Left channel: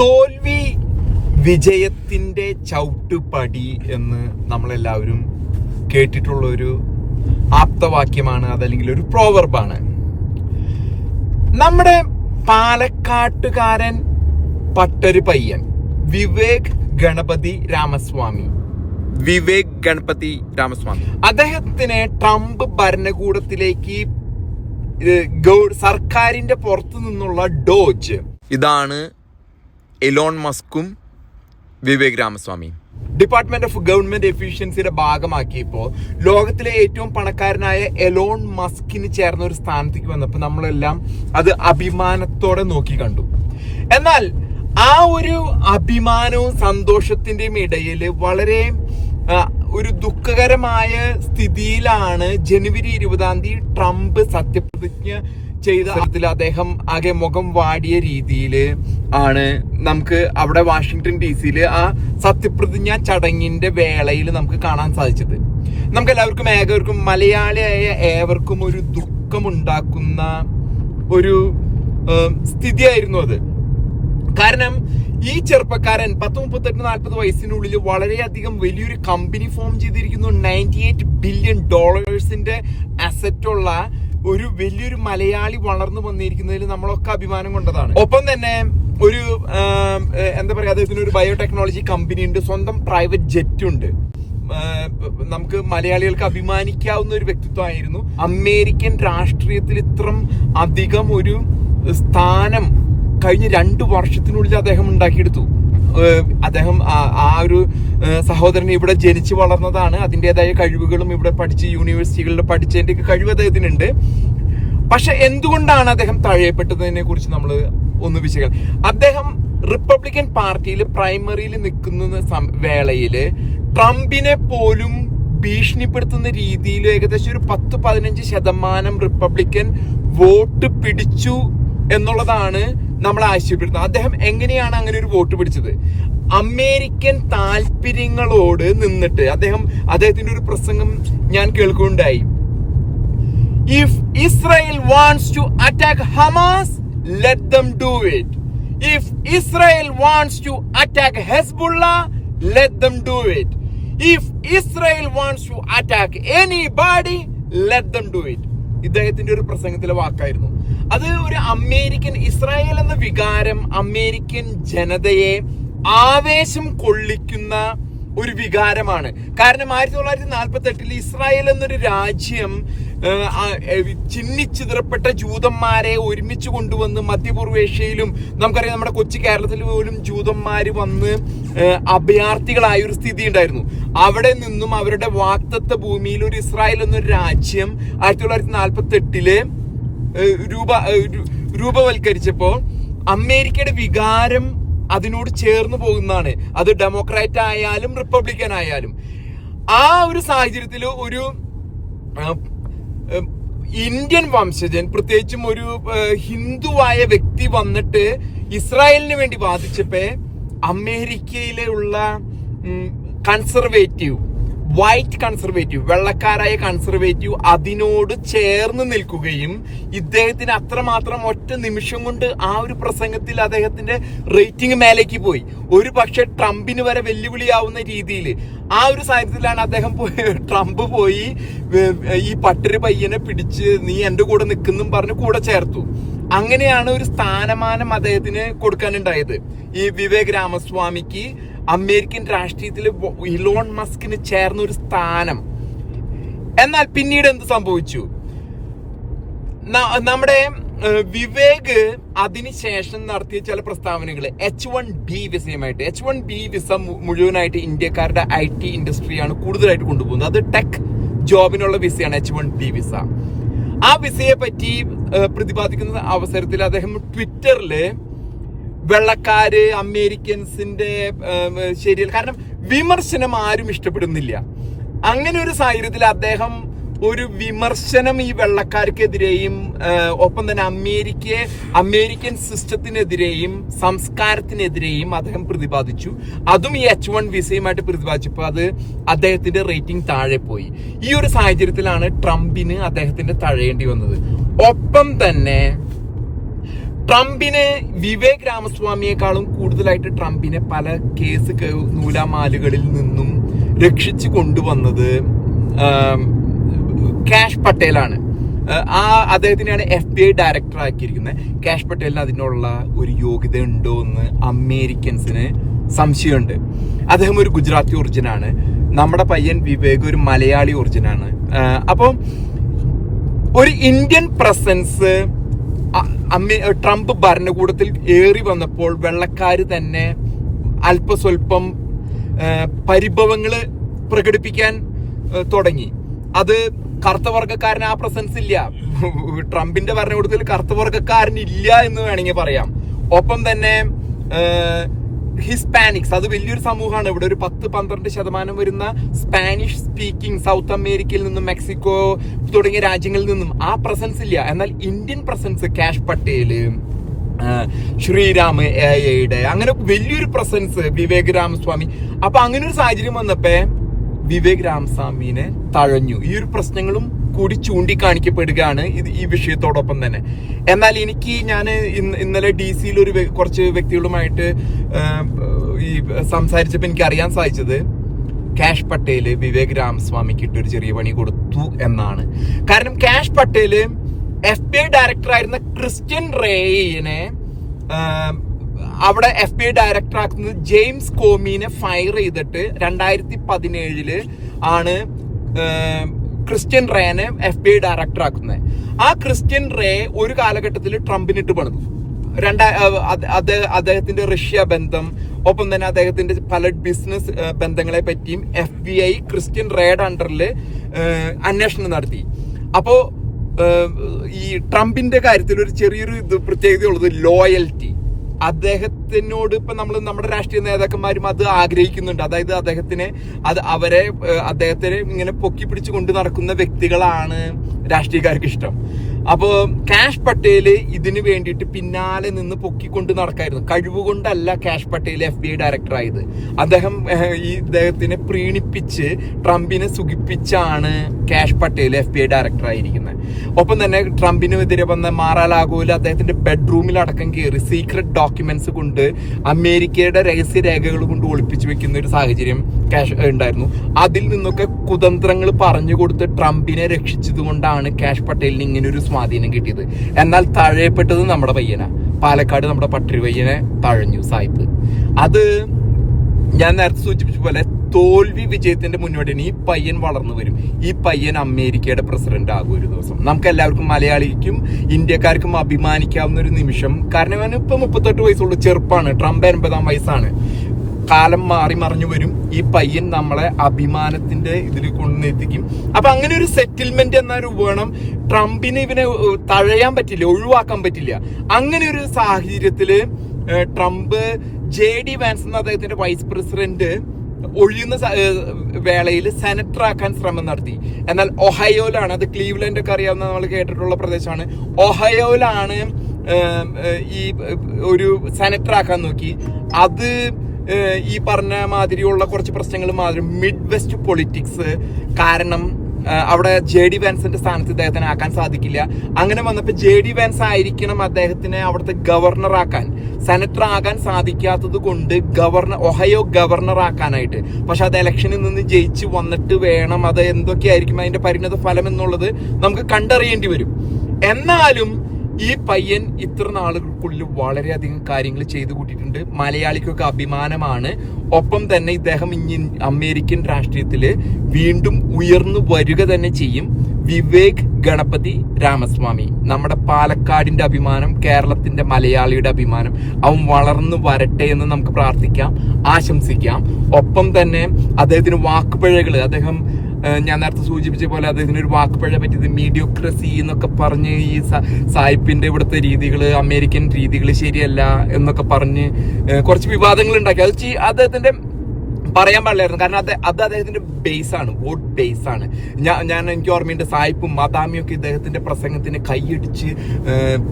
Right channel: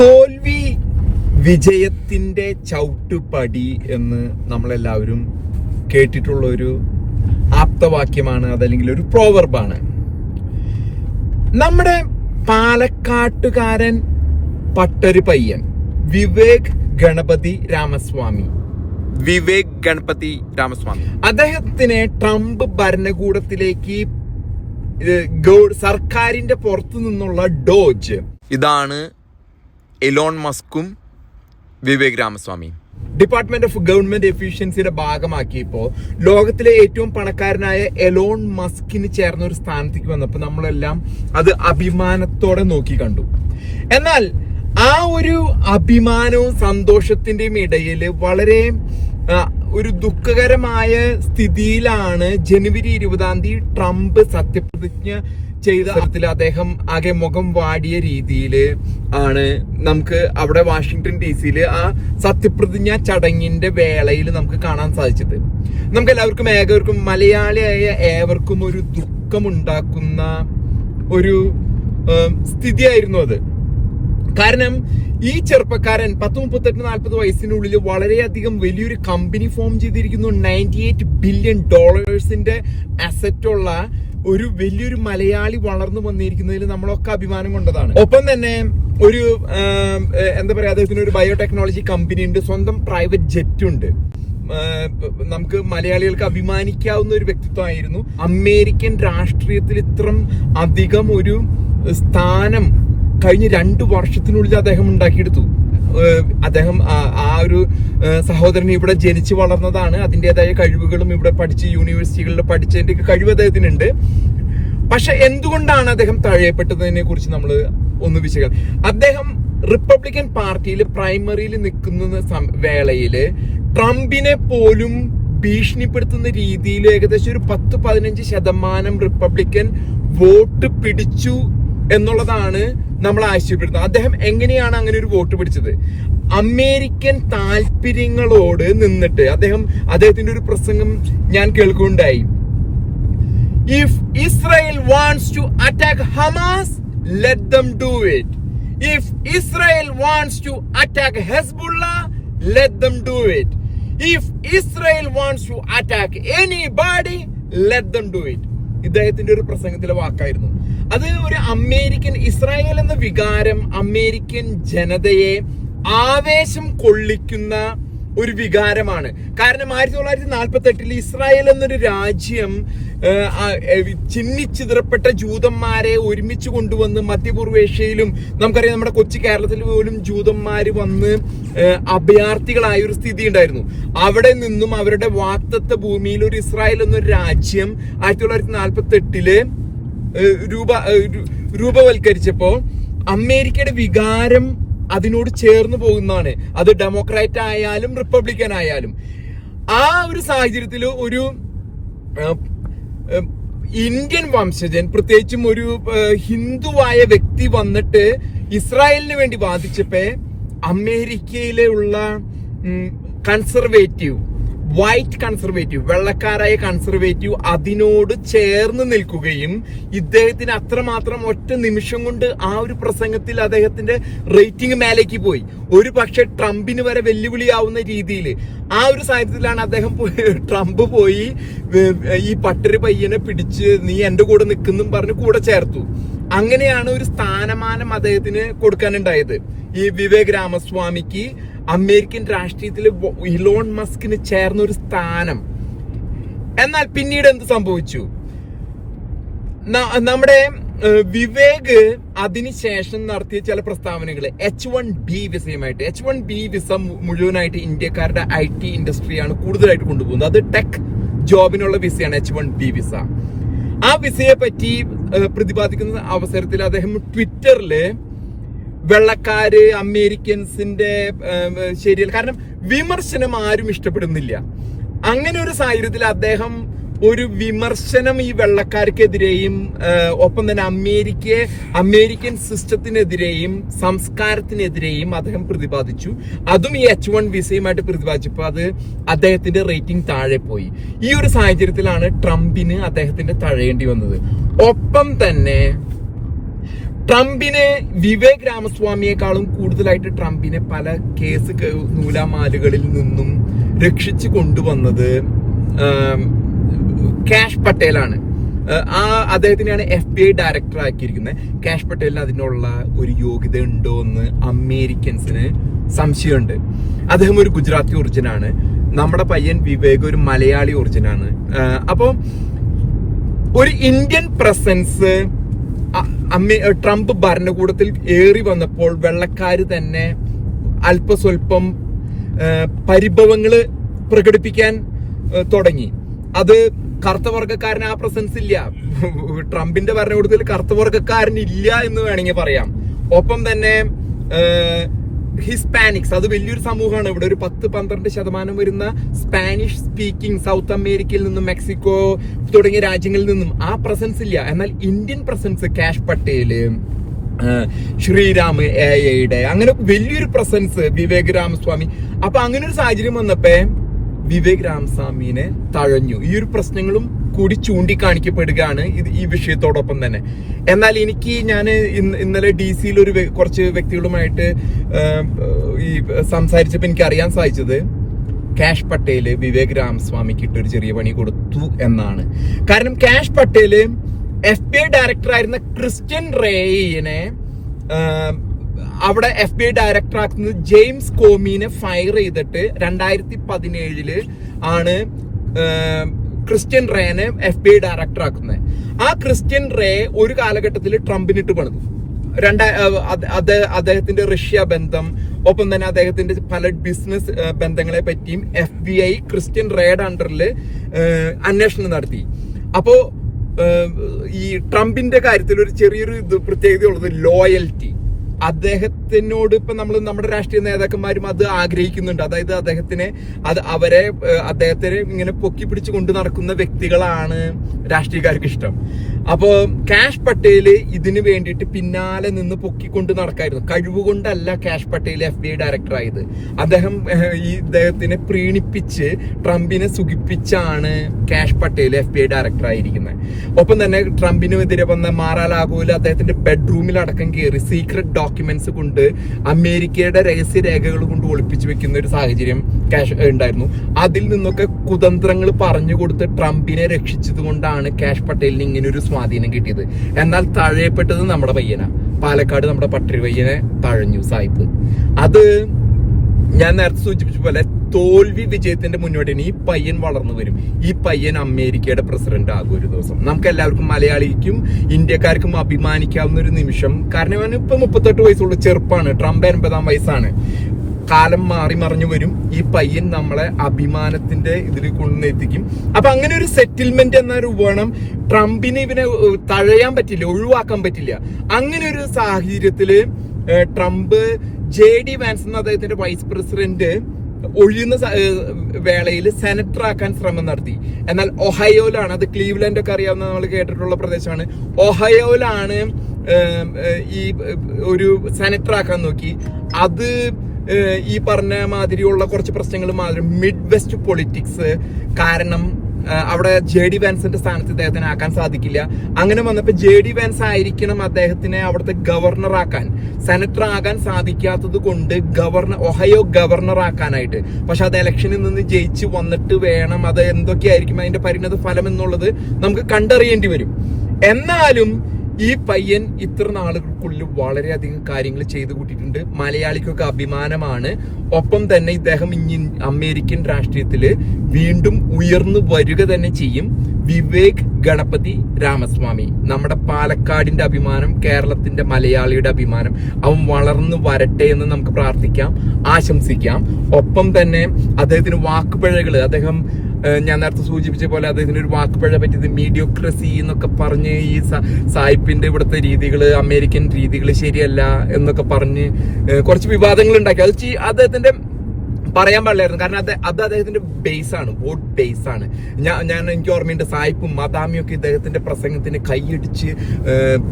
തോൽവി വിജയത്തിന്റെ ചവിട്ടുപടി എന്ന് നമ്മളെല്ലാവരും കേട്ടിട്ടുള്ള ഒരു ആപ്തവാക്യമാണ് അതല്ലെങ്കിൽ ഒരു പ്രോവർബാണ് നമ്മുടെ പാലക്കാട്ടുകാരൻ പട്ടൊരു പയ്യൻ വിവേക് ഗണപതി രാമസ്വാമി. വിവേക് ഗണപതി രാമസ്വാമി. അദ്ദേഹത്തിനെ ട്രംപ് ഭരണകൂടത്തിലേക്ക് സർക്കാരിന്റെ പുറത്തു നിന്നുള്ള ഡോജ്. ഇതാണ് എലോൺ മസ്കും വിവേക് രാമസ്വാമിയും ഡിപ്പാർട്ട്മെന്റ് ഓഫ് ഗവൺമെന്റ് എഫിഷ്യൻസിയുടെ ഭാഗമാക്കിയപ്പോൾ ലോകത്തിലെ ഏറ്റവും പണക്കാരനായ എലോൺ മസ്കിന് ചേർന്ന ഒരു സ്ഥാനത്തേക്ക് വന്നപ്പോൾ നമ്മളെല്ലാം അത് അഭിമാനത്തോടെ നോക്കി കണ്ടു. എന്നാൽ ആ ഒരു അഭിമാനവും സന്തോഷത്തിന്റെയും ഇടയിൽ വളരെ ഒരു ദുഃഖകരമായ സ്ഥിതിയിലാണ് ജനുവരി ഇരുപതാം തീയതി ട്രംപ് സത്യപ്രതിജ്ഞ ചെയ്ത അതിൽ അദ്ദേഹം ആകെ മുഖം വാടിയ രീതിയിൽ ആണ് നമുക്ക് അവിടെ വാഷിങ്ടൺ ഡി സിയിൽ ആ സത്യപ്രതിജ്ഞ ചടങ്ങിന്റെ വേളയിൽ നമുക്ക് കാണാൻ സാധിച്ചത്. നമുക്ക് എല്ലാവർക്കും ഏകവർക്കും മലയാളിയായ ഏവർക്കും ഒരു ദുഃഖമുണ്ടാക്കുന്ന ഒരു സ്ഥിതിയായിരുന്നു അത്. കാരണം ഈ ചെറുപ്പക്കാരൻ പത്ത് മുപ്പത്തെട്ട് നാൽപ്പത് വയസ്സിനുള്ളിൽ വളരെയധികം വലിയൊരു കമ്പനി ഫോം ചെയ്തിരിക്കുന്നു. നയന്റി എയ്റ്റ് ബില്യൺ ഡോളേഴ്സിന്റെ അസറ്റുള്ള ഒരു വലിയൊരു മലയാളി വളർന്നു വന്നിരിക്കുന്നതിൽ നമ്മളൊക്കെ അഭിമാനം കൊണ്ടതാണ്. ഒപ്പം തന്നെ ഒരു എന്താ പറയാ അദ്ദേഹത്തിന് ഒരു ബയോടെക്നോളജി കമ്പനി ഉണ്ട് സ്വന്തം പ്രൈവറ്റ് ജെറ്റ് ഉണ്ട്. നമുക്ക് മലയാളികൾക്ക് അഭിമാനിക്കാവുന്ന ഒരു വ്യക്തിത്വമായിരുന്നു. അമേരിക്കൻ രാഷ്ട്രീയത്തിൽ ഇത്രം അധികം ഒരു സ്ഥാനം കഴിഞ്ഞ രണ്ട് വർഷത്തിനുള്ളിൽ അദ്ദേഹം ഉണ്ടാക്കിയെടുത്തു. അദ്ദേഹം ആ- ഒരു സഹോദരൻ ഇവിടെ ജനിച്ചു വളർന്നതാണ്. അതിന്റെതായ കഴിവുകളും ഇവിടെ പഠിച്ച് യൂണിവേഴ്സിറ്റികളിൽ പഠിച്ചതിന്റെ കഴിവ് അദ്ദേഹത്തിനുണ്ട്. പക്ഷെ എന്തുകൊണ്ടാണ് അദ്ദേഹം തഴയപ്പെട്ടതിനെ കുറിച്ച് നമ്മൾ ഒന്ന് വിശകലനം അദ്ദേഹം റിപ്പബ്ലിക്കൻ പാർട്ടിയിൽ പ്രൈമറിയിൽ നിൽക്കുന്ന വേളയിൽ ട്രംപിനെ പോലും ഭീഷണിപ്പെടുത്തുന്ന രീതിയിൽ ഏകദേശം ഒരു പത്ത് പതിനഞ്ച് ശതമാനം റിപ്പബ്ലിക്കൻ വോട്ട് പിടിച്ചു എന്നുള്ളതാണ് നമ്മൾ ആശയപ്പെടുന്നത് അദ്ദേഹം എങ്ങനെയാണ് അങ്ങനെ ഒരു വോട്ട് പിടിച്ചത്? അമേരിക്കൻ താല്പര്യങ്ങളോട് നിന്നിട്ട് അദ്ദേഹം അദ്ദേഹത്തിന്റെ ഒരു പ്രസംഗം ഞാൻ കേൾക്കുകയുണ്ടായി. If Israel wants to attack Hamas let them do it if Israel wants to attack Hezbollah let them do it if Israel wants to attack anybody let them do it ഇദ്ദേഹത്തിന്റെ ഒരു പ്രസംഗത്തിലെ വാക്കായിരുന്നു. അത് ഒരു അമേരിക്കൻ ഇസ്രായേൽ എന്ന വികാരം American ജനതയെ ആവേശം കൊള്ളിക്കുന്ന ഒരു വികാരമാണ്. കാരണം ആയിരത്തി തൊള്ളായിരത്തി നാൽപ്പത്തി എട്ടിൽ ഇസ്രായേൽ എന്നൊരു രാജ്യം ചിഹ്നിച്ചിതറപ്പെട്ട ജൂതന്മാരെ ഒരുമിച്ച് കൊണ്ടുവന്ന് മധ്യപൂർവേഷ്യയിലും നമുക്കറിയാം നമ്മുടെ കൊച്ചി കേരളത്തിൽ പോലും ജൂതന്മാർ വന്ന് അഭയാർത്ഥികളായ ഒരു സ്ഥിതി ഉണ്ടായിരുന്നു. അവിടെ നിന്നും അവരുടെ വാക്തത്വ ഭൂമിയിൽ ഒരു ഇസ്രായേൽ എന്നൊരു രാജ്യം ആയിരത്തി തൊള്ളായിരത്തി നാൽപ്പത്തി എട്ടിൽ രൂപ രൂപവൽക്കരിച്ചപ്പോൾ അമേരിക്കയുടെ വികാരം അതിനോട് ചേർന്ന് പോകുന്നതാണ്. അത് ഡെമോക്രാറ്റ് ആയാലും റിപ്പബ്ലിക്കൻ ആയാലും. ആ ഒരു സാഹചര്യത്തിൽ ഒരു ഇന്ത്യൻ വംശജൻ പ്രത്യേകിച്ചും ഒരു ഹിന്ദുവായ വ്യക്തി വന്നിട്ട് ഇസ്രായേലിന് വേണ്ടി വാദിച്ചപ്പോ അമേരിക്കയിലുള്ള കൺസർവേറ്റീവ് വൈറ്റ് കൺസർവേറ്റീവ് വെള്ളക്കാരായ കൺസർവേറ്റീവ് അതിനോട് ചേർന്ന് നിൽക്കുകയും ഇദ്ദേഹത്തിന് അത്രമാത്രം ഒറ്റ നിമിഷം കൊണ്ട് ആ ഒരു പ്രസംഗത്തിൽ അദ്ദേഹത്തിന്റെ റേറ്റിംഗ് മേലേക്ക് പോയി. ഒരു പക്ഷെ ട്രംപിന് വരെ വെല്ലുവിളിയാവുന്ന രീതിയിൽ ആ ഒരു സാഹചര്യത്തിലാണ് അദ്ദേഹം ട്രംപ് പോയി ഈ പട്ടര് പയ്യനെ പിടിച്ച് നീ എന്റെ കൂടെ നിൽക്കുന്നും പറഞ്ഞ് കൂടെ ചേർത്തു. അങ്ങനെയാണ് ഒരു സ്ഥാനമാനം അദ്ദേഹത്തിന് കൊടുക്കാനുണ്ടായത്. ഈ വിവേക് രാമസ്വാമിക്ക് അമേരിക്കൻ രാഷ്ട്രീയത്തിൽ ഇലോൺ മസ്കിന് ചേർന്ന ഒരു സ്ഥാനം. എന്നാൽ പിന്നീട് എന്ത് സംഭവിച്ചു? നമ്മുടെ വിവേക് അതിനുശേഷം നടത്തിയ ചില പ്രസ്താവനകൾ എച്ച് വൺ ബി വിസയുമായിട്ട്. എച്ച് വൺ ബി വിസ മുഴുവനായിട്ട് ഇന്ത്യക്കാരുടെ ഐ ടി ഇൻഡസ്ട്രിയാണ് കൂടുതലായിട്ട് കൊണ്ടുപോകുന്നത്. അത് ടെക് ജോബിനുള്ള വിസയാണ് എച്ച് വൺ ബി വിസ. ആ വിസയെ പറ്റി പ്രതിപാദിക്കുന്ന അവസരത്തിൽ അദ്ദേഹം ട്വിറ്ററിൽ വെള്ളക്കാര് അമേരിക്കൻസിന്റെ ശരി ശരിയല്ല. കാരണം വിമർശനം ആരും ഇഷ്ടപ്പെടുന്നില്ല. അങ്ങനെ ഒരു സാഹചര്യത്തിൽ അദ്ദേഹം ഒരു വിമർശനം ഈ വെള്ളക്കാർക്കെതിരെയും ഒപ്പം തന്നെ അമേരിക്കയെ അമേരിക്കൻ സിസ്റ്റത്തിനെതിരെയും സംസ്കാരത്തിനെതിരെയും അദ്ദേഹം പ്രതിപാദിച്ചു. അതും ഈ എച്ച് വൺ വിസയുമായിട്ട് പ്രതിപാദിച്ചപ്പോൾ അത് അദ്ദേഹത്തിന്റെ റേറ്റിംഗ് താഴെ പോയി. ഈ ഒരു സാഹചര്യത്തിലാണ് ട്രംപിന് അദ്ദേഹത്തിന്റെ തഴയേണ്ടി വന്നത്. ഒപ്പം തന്നെ ട്രംപിന് വിവേക് രാമസ്വാമിയെക്കാളും കൂടുതലായിട്ട് ട്രംപിനെ പല കേസ് നൂലാമാലുകളിൽ നിന്നും രക്ഷിച്ചു കൊണ്ടുവന്നത് കാഷ് പട്ടേലാണ്. ആ അദ്ദേഹത്തിനെയാണ് എഫ് ബി ഐ ഡയറക്ടർ ആക്കിയിരിക്കുന്നത്. കാഷ് പട്ടേലിന് അതിനുള്ള ഒരു യോഗ്യത ഉണ്ടോ എന്ന് അമേരിക്കൻസിന് സംശയമുണ്ട്. അദ്ദേഹം ഒരു ഗുജറാത്തി ഒറിജിനാണ്. നമ്മുടെ പയ്യൻ വിവേക് ഒരു മലയാളി ഒറിജിനാണ്. അപ്പം ഒരു ഇന്ത്യൻ പ്രസൻസ് ട്രംപ് ഭരണകൂടത്തിൽ ഏറി വന്നപ്പോൾ വെള്ളക്കാർ തന്നെ അല്പസ്വല്പം പരിഭവങ്ങൾ പ്രകടിപ്പിക്കാൻ തുടങ്ങി. അത് കറുത്ത വർഗക്കാരന് ആ പ്രസൻസ് ഇല്ല. ട്രംപിന്റെ ഭരണകൂടത്തിൽ കറുത്ത വർഗക്കാരൻ ഇല്ല എന്ന് വേണമെങ്കിൽ പറയാം. ഒപ്പം തന്നെ ഹിസ്പാനിക്സ് അത് വലിയൊരു സമൂഹമാണ്. ഇവിടെ ഒരു പത്ത് പന്ത്രണ്ട് ശതമാനം വരുന്ന സ്പാനിഷ് സ്പീക്കിംഗ് സൗത്ത് അമേരിക്കയിൽ നിന്നും മെക്സിക്കോ തുടങ്ങിയ രാജ്യങ്ങളിൽ നിന്നും ആ പ്രസൻസ് ഇല്ല. എന്നാൽ Indian presence Kash Patel Sriram Sriram A ഐയുടെ അങ്ങനെ വലിയൊരു പ്രസൻസ് വിവേക് രാമസ്വാമി. അപ്പൊ അങ്ങനെ ഒരു സാഹചര്യം വന്നപ്പോ വിവേക് രാമസ്വാമിനെ തഴഞ്ഞു. ഈ ഒരു പ്രശ്നങ്ങളും കൂടി ചൂണ്ടിക്കാണിക്കപ്പെടുകയാണ് ഇത് ഈ വിഷയത്തോടൊപ്പം തന്നെ. എന്നാൽ എനിക്ക് ഞാൻ ഇന്നലെ ഡി സിയിൽ ഒരു കുറച്ച് വ്യക്തികളുമായിട്ട് ഈ സംസാരിച്ചപ്പോൾ എനിക്ക് അറിയാൻ സാധിച്ചത് കാഷ് പട്ടേൽ വിവേക് രാമസ്വാമിക്ക് ഇട്ട് ഒരു ചെറിയ പണി കൊടുത്തു എന്നാണ്. കാരണം Kash Patel F B I director ആയിരുന്ന ക്രിസ്ത്യൻ റേയിനെ അവിടെ എഫ് ബി ഐ ഡയറക്ടർ ആക്കുന്നത് ജെയിംസ് കോമീനെ ഫയർ ചെയ്തിട്ട് രണ്ടായിരത്തി പതിനേഴിൽ ആണ് ക്രിസ്ത്യൻ റേനെ എഫ് ബി ഐ ഡയറക്ടർ ആക്കുന്നത് ആ ക്രിസ്ത്യൻ റേ ഒരു കാലഘട്ടത്തിൽ ട്രംപിനിട്ട് പണിതു. രണ്ടാ അത് അദ്ദേഹത്തിന്റെ റഷ്യ ബന്ധം ഒപ്പം തന്നെ അദ്ദേഹത്തിന്റെ പല ബിസിനസ് ബന്ധങ്ങളെ പറ്റിയും എഫ് ബി ഐ ക്രിസ്ത്യൻ റേഡ് അണ്ടറിൽ അന്വേഷണം നടത്തി. അപ്പോ ഈ ട്രംപിന്റെ കാര്യത്തിൽ ഒരു ചെറിയൊരു പ്രത്യേകതയുള്ളത് ലോയൽറ്റി അദ്ദേഹത്തിനോട് ഇപ്പൊ നമ്മൾ നമ്മുടെ രാഷ്ട്രീയ നേതാക്കന്മാരും അത് ആഗ്രഹിക്കുന്നുണ്ട്. അതായത് അദ്ദേഹത്തിനെ അത് അവരെ അദ്ദേഹത്തിനെ ഇങ്ങനെ പൊക്കി പിടിച്ചു കൊണ്ട് നടക്കുന്ന വ്യക്തികളാണ് രാഷ്ട്രീയക്കാർക്ക് ഇഷ്ടം. അപ്പോ കാഷ് പട്ടേൽ ഇതിന് വേണ്ടിയിട്ട് പിന്നാലെ നിന്ന് പൊക്കിക്കൊണ്ട് നടക്കായിരുന്നു. കഴിവുകൊണ്ടല്ല Kash Patel F B I director ആയത് അദ്ദേഹം ഈ ഇദ്ദേഹത്തിനെ പ്രീണിപ്പിച്ച് ട്രംപിനെ സുഖിപ്പിച്ചാണ് Kash Patel F B I director ആയിരിക്കുന്നത് ഒപ്പം തന്നെ ട്രംപിനെതിരെ വന്ന മാറാലാഗോയിൽ അദ്ദേഹത്തിന്റെ ബെഡ്റൂമിൽ അടക്കം കയറി സീക്രട്ട് ഡോക്യുമെന്റ്സ് കൊണ്ട് അമേരിക്കയുടെ രഹസ്യ രേഖകൾ കൊണ്ട് ഒളിപ്പിച്ചു വെക്കുന്ന ഒരു സാഹചര്യം കാഷ് ഉണ്ടായിരുന്നു. അതിൽ നിന്നൊക്കെ കുതന്ത്രങ്ങൾ പറഞ്ഞു കൊടുത്ത് ട്രംപിനെ രക്ഷിച്ചത് കൊണ്ടാണ് കാഷ് പട്ടേലിന് ഇങ്ങനെ ഒരു സ്വാധീനം കിട്ടിയത്. എന്നാൽ തഴയപ്പെട്ടത് നമ്മുടെ പയ്യനാ. പാലക്കാട് നമ്മുടെ പട്ടരി പയ്യനെ തഴഞ്ഞു സായിപ്പ്. അത് ഞാൻ നേരത്തെ സൂചിപ്പിച്ച പോലെ തോൽവി വിജയത്തിന്റെ മുന്നോടി ഈ പയ്യൻ വളർന്നു വരും. ഈ പയ്യൻ അമേരിക്കയുടെ പ്രസിഡന്റ് ആകും ഒരു ദിവസം. നമുക്ക് എല്ലാവർക്കും മലയാളിക്കും ഇന്ത്യക്കാർക്കും അഭിമാനിക്കാവുന്ന ഒരു നിമിഷം. കാരണം ഇവന് ഇപ്പൊ മുപ്പത്തെട്ട് വയസ്സുള്ള. ചെറുപ്പാണ്. ട്രംപ് എൺപതാം വയസ്സാണ്. കാലം മാറി മറിഞ്ഞു വരും. ഈ പയ്യൻ നമ്മളെ അഭിമാനത്തിന്റെ ഇതിൽ കൊണ്ടെത്തിക്കും അപ്പൊ അങ്ങനെ ഒരു സെറ്റിൽമെന്റ് എന്ന ഒരു വേണം. ട്രംപിന് ഇവനെ തഴയാൻ പറ്റില്ല. ഒഴിവാക്കാൻ പറ്റില്ല. അങ്ങനെ ഒരു സാഹചര്യത്തിൽ ട്രംപ് ജെ ഡി വാൻസ് എന്ന അദ്ദേഹത്തിന്റെ വൈസ് പ്രസിഡന്റ് ഒഴിയുന്ന വേളയിൽ സെനറ്റർ ആക്കാൻ ശ്രമം നടത്തി. എന്നാൽ ഒഹയോയിലാണ് അത് ക്ലീവ്ലൻഡ് ഒക്കെ അറിയാവുന്ന നമ്മൾ കേട്ടിട്ടുള്ള പ്രദേശമാണ്. ഒഹയോയിലാണ് ഈ ഒരു സെനറ്റർ ആക്കാൻ നോക്കി. അത് ഈ പറഞ്ഞ മാതിരിയുള്ള കുറച്ച് പ്രശ്നങ്ങൾ മാതിരി. മിഡ് വെസ്റ്റ് പൊളിറ്റിക്സ് കാരണം അവിടെ ജെ ഡി വാൻസിന്റെ സ്ഥാനത്ത് ഇദ്ദേഹത്തിന് ആക്കാൻ സാധിക്കില്ല. അങ്ങനെ വന്നപ്പോൾ ജെ ഡി വാൻസ് ആയിരിക്കണം അദ്ദേഹത്തിനെ അവിടുത്തെ ഗവർണർ ആക്കാൻ. സെനറ്റർ ആകാൻ സാധിക്കാത്തത് കൊണ്ട് ഗവർണർ ഒഹയോ ഗവർണർ ആക്കാനായിട്ട്. പക്ഷെ അത് ഇലക്ഷനിൽ നിന്ന് ജയിച്ച് വന്നിട്ട് വേണം. അത് എന്തൊക്കെയായിരിക്കും അതിന്റെ പരിണത ഫലം എന്നുള്ളത് നമുക്ക് കണ്ടറിയേണ്ടി വരും. എന്നാലും ഈ പയ്യൻ ഇത്ര നാളുകൾക്കുള്ളിൽ വളരെയധികം കാര്യങ്ങൾ ചെയ്തു കൂട്ടിയിട്ടുണ്ട്. മലയാളിക്കൊക്കെ അഭിമാനമാണ്. ഒപ്പം തന്നെ ഇദ്ദേഹം ഇനി അമേരിക്കൻ രാഷ്ട്രീയത്തിൽ വീണ്ടും ഉയർന്നു വരിക തന്നെ ചെയ്യും. വിവേക് ഗണപതി രാമസ്വാമി. നമ്മുടെ പാലക്കാടിന്റെ അഭിമാനം കേരളത്തിന്റെ മലയാളിയുടെ അഭിമാനം അവൻ വളർന്നു വരട്ടെ എന്ന് നമുക്ക് പ്രാർത്ഥിക്കാം ആശംസിക്കാം. ഒപ്പം തന്നെ അദ്ദേഹത്തിന് വാക്കുപിഴകൾ അദ്ദേഹം ഞാൻ നേരത്തെ സൂചിപ്പിച്ച പോലെ അദ്ദേഹത്തിന് ഒരു വാക്കുപഴ പറ്റിയത് മീഡിയോക്രസി എന്നൊക്കെ പറഞ്ഞ് ഈ സായിപ്പിന്റെ ഇവിടുത്തെ രീതികൾ അമേരിക്കൻ രീതികൾ ശരിയല്ല എന്നൊക്കെ പറഞ്ഞ് കുറച്ച് വിവാദങ്ങൾ ഉണ്ടാക്കി അത് അദ്ദേഹത്തിന്റെ പറയാൻ പാടില്ലായിരുന്നു. കാരണം അത് അത് അദ്ദേഹത്തിന്റെ ബേസ് ആണ്. വോട്ട് ബേസ് ആണ്. ഞാൻ ഞാൻ എനിക്ക് ഓർമ്മയുണ്ട് സായിപ്പും മദാമിയും ഒക്കെ ഇദ്ദേഹത്തിന്റെ പ്രസംഗത്തിന് കൈയടിച്ച്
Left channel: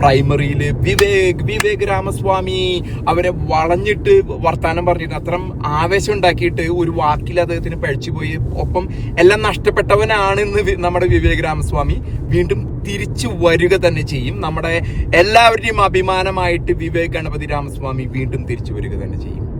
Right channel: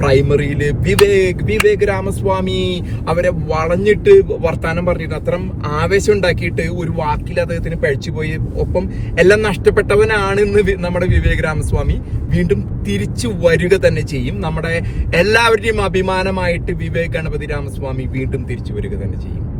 പ്രൈമറിയിൽ വിവേക് വിവേക് രാമസ്വാമി അവരെ വളഞ്ഞിട്ട് വർത്തമാനം പറഞ്ഞിട്ട് അത്തരം ആവേശം ഉണ്ടാക്കിയിട്ട് ഒരു വാക്കിൽ അദ്ദേഹത്തിന് പഴിച്ചു പോയി. ഒപ്പം എല്ലാം നഷ്ടപ്പെട്ടവനാണ് ഇന്ന് നമ്മുടെ വിവേക് രാമസ്വാമി വീണ്ടും തിരിച്ചു വരിക തന്നെ ചെയ്യും. നമ്മുടെ എല്ലാവരുടെയും അഭിമാനമായിട്ട് വിവേക് ഗണപതി രാമസ്വാമി വീണ്ടും തിരിച്ചു വരിക തന്നെ ചെയ്യും.